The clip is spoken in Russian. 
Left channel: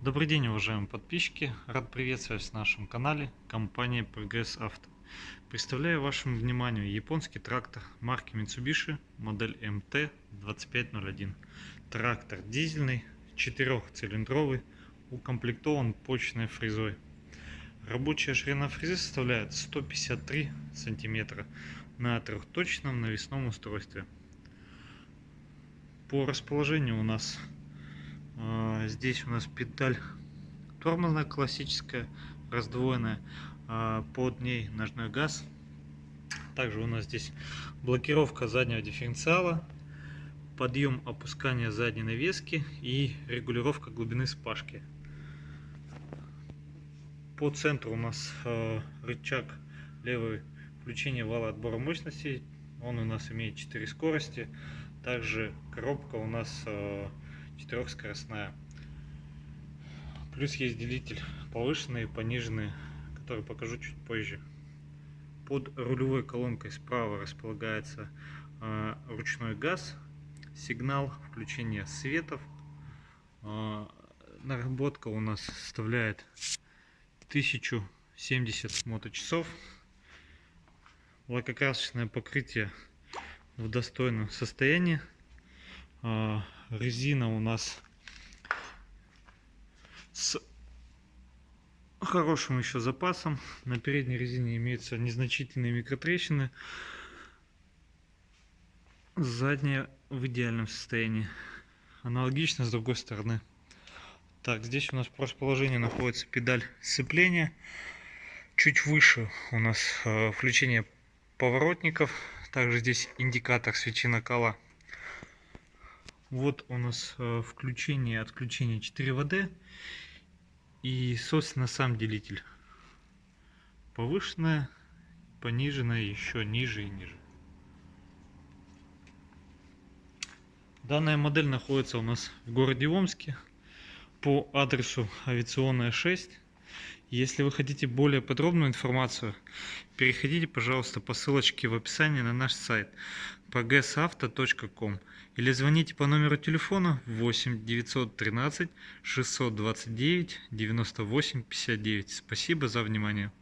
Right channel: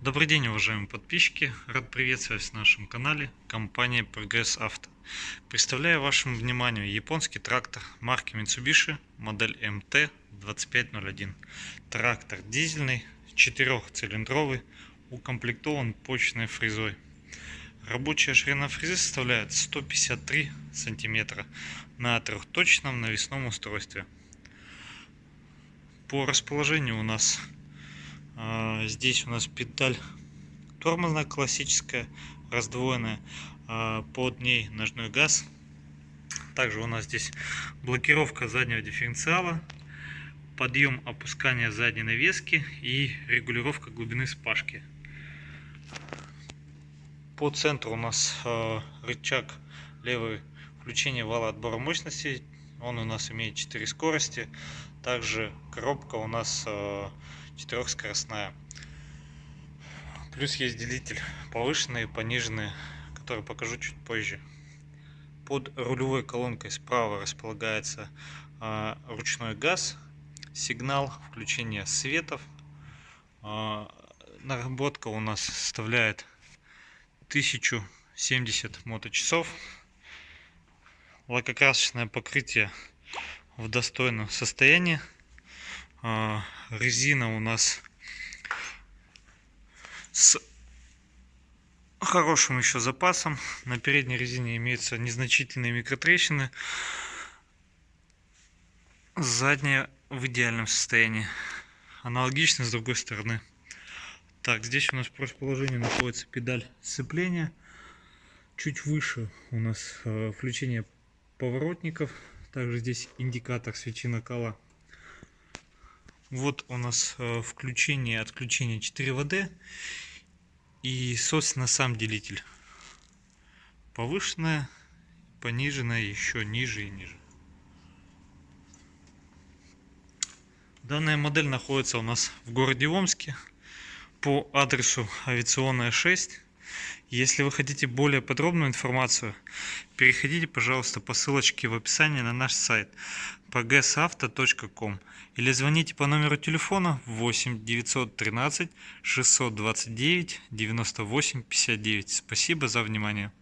Добрый день, уважаемые подписчики! Рад приветствовать на нашем канале компания Progress Auto. Представляю вашему вниманию японский трактор марки Mitsubishi, модель MT-2501. Трактор дизельный, 4-цилиндровый, укомплектован почечной фрезой. Рабочая ширина фрезы составляет 153 сантиметра на трехточном навесном устройстве. По расположению у нас здесь у нас педаль тормозная классическая, раздвоенная, под ней ножной газ. Также у нас здесь блокировка заднего дифференциала, подъем опускание задней навески и регулировка глубины спашки. По центру у нас рычаг левый включения вала отбора мощности. Он у нас имеет 4 скорости. Также коробка у нас 4-скоростная. Плюс есть делитель повышенный и пониженный, который покажу чуть позже. Под рулевой колонкой справа располагается ручной газ, сигнал включения светов. Наработка у нас составляет 1070 моточасов. Лакокрасочное покрытие в достойном состоянии. Резина у нас с хорошим еще запасом. На передней резине имеются незначительные микротрещины. Задняя в идеальном состоянии. Аналогично с другой стороны. Так, здесь у нас в расположении находится педаль сцепления. Чуть выше у нас включение поворотников. Также здесь индикатор свечи накала. Вот у нас включение и отключение 4ВД. И, собственно, сам делитель. Повышенная, пониженная, еще ниже и ниже. Данная модель находится у нас в городе Омске по адресу Авиационная 6. Если вы хотите более подробную информацию, переходите, пожалуйста, по ссылочке в описании на наш сайт progressauto.com или звоните по номеру телефона 8 913 629 98 59. Спасибо за внимание.